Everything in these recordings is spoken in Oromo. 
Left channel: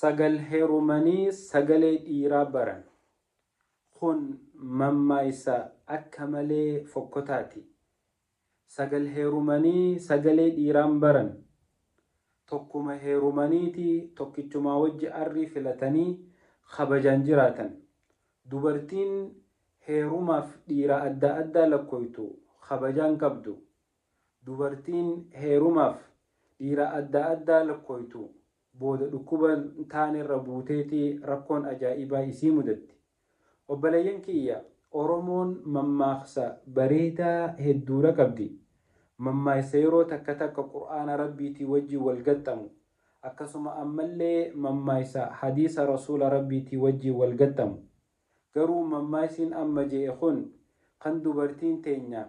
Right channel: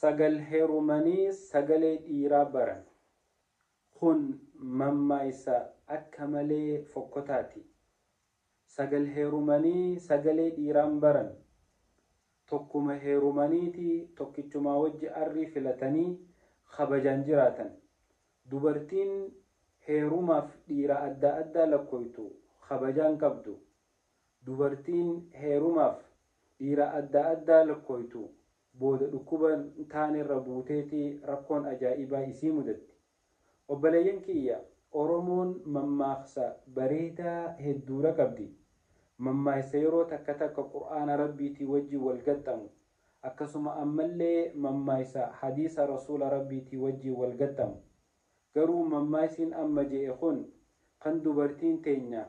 sagal heerumanii sagalee dhiiraa baran kun mammaa isa akka malee fokkotaati. Sagal heerumanii sagalee dhiiraan baran tokkuma heerumaniiti tokkichumaa wajji arrii filatanii kabajaan jiraatan. Dubartiin heerumaaf dhiira adda addaa lakkooytu kabajaan qabdu. Dubartiin heerumaaf dhiira adda addaa lakkooytu booda dhukkuba taanerra buuteeti rakkoon ajaa'ibaa isii mudatti. Obboleeyyan kiyya Oromoon mammaaksa bareedaa hedduudha qabdi. Mammaaksa yeroo takka takka Qur'aana Rabbiitii wajji wal gaxxamu akkasuma ammallee mammaaksa hadiisa Rasuula Rabbiitii wajji wal gaxxamu. Garuu mammaaksin amma je'e kun kan dubartiin teenya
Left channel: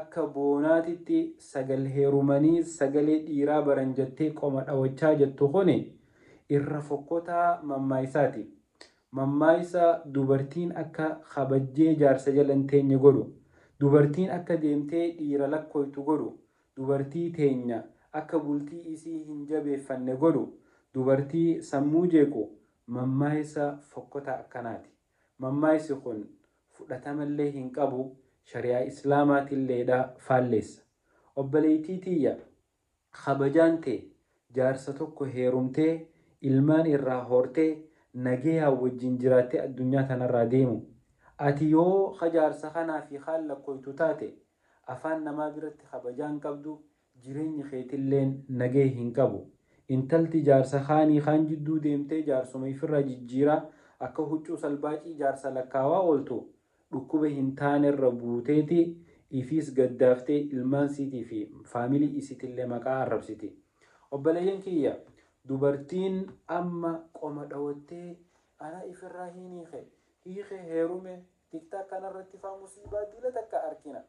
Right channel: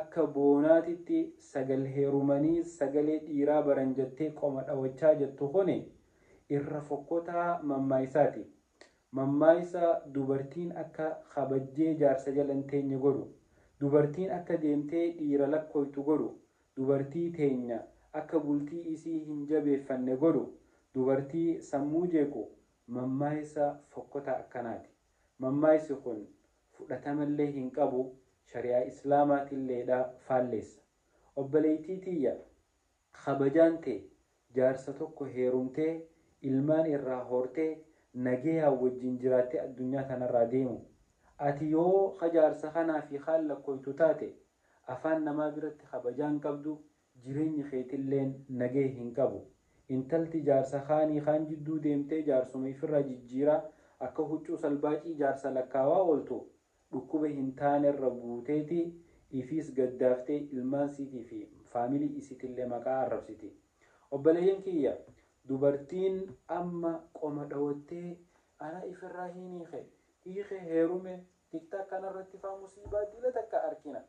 akka boonaatitti sagal heerumanii sagalee dhiiraa baran jettee qoma dhawachaa jettu kun irra fokkotaa mammaaksaati. Mammaaksa dubartiin akka kabajjee jaarsa jalan teenya godhu, dubartiin akka deemtee dhiira lakkooytu godhu, dubartii teenya akka bultii isii hin jabeeffanne godhu, dubartii sammuu jeequ mammaaksa fokkotaa akkanaati. Mammaaksi kun fudhatamallee hin qabu, shari'aa islaamaatiilleedha faalleessa. Obboleettii tiyya kabajaan tee jaarsa tokko heerumtee ilmaan irraa hortee nagayaa wajjin jiraattee addunyaa tanarraa deemu. Ati yoo jaarsa kanaa fi kaan lakkooytu taate afaan namaa biratti kabajaan qabdu jireenyi keetilleen nagee hin qabu. Intalti jaarsa kaanii kaan jidduu deemtee jaarsuma ifirra jijjiiraa akka huccuu salbaacii jaarsa lakkaawaa ooltu dhukkuba hin taanerra buuteeti ifiis gaddaaftee ilmaan siitii fi faamilii isiitillee maqaa arrabsiti. Obboleeyyan kiyya dubartiin amma qoma dhawattee ana ifirraa hiike heerume tiktak kanarratti faa musiibaa dila takka arkina.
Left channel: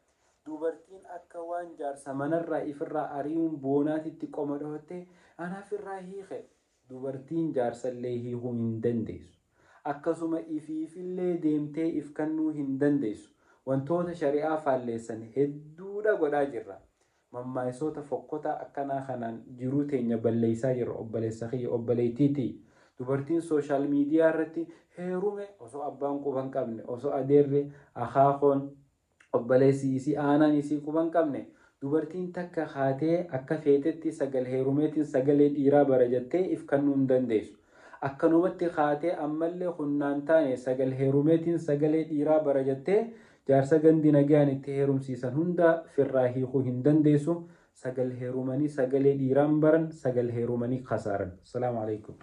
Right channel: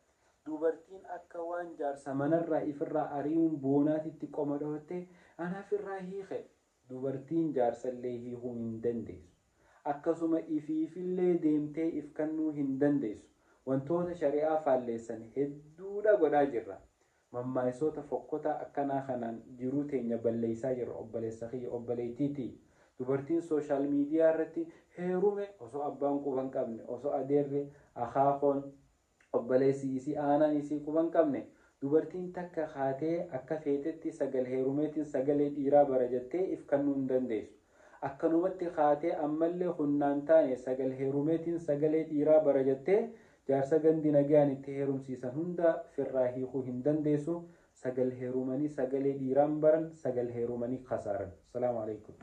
Dubartiin akka waan jaarsa manarraa ifirraa ari'uun boonaatitti qoma dhawattee ana ifirraa hiike. Dubartiin jaarsallee hiikuu hin dandeessu. Akkasuma ifiifillee deemtee if kennuu hin dandeessu. Wantoota shari'aa faalleessan hedduudha godhaa jirra. Mammaaksoota fokkotaa akkanaa kanaan jiruu teenya balleessaa jirra obboleessa kiyya obboleettiiti. Dubartiin sooshaal miidiyaa irratti heerume osoo abbaan quba hin qabne, osoo adeerri akaakoon obboleessi isii aanaan isii quba hin qabne, dubartiin takka haatee akka feetetti sagal heerumeetiin sagalee dhiiraa bara jettee if kennuu hin dandeessu. Akkanumatti haatee ammallee hunnaan taane sagal heerumeetiin sagalee dhiiraa bara jettee jaarsa gandi nagaan itti heerumsiisan hunda firraa hiikuu hin dandeessu. Sagal heerumanii sagalee dhiiraan baran sagal heerumanii khasaaran. Assalaamu alaikum.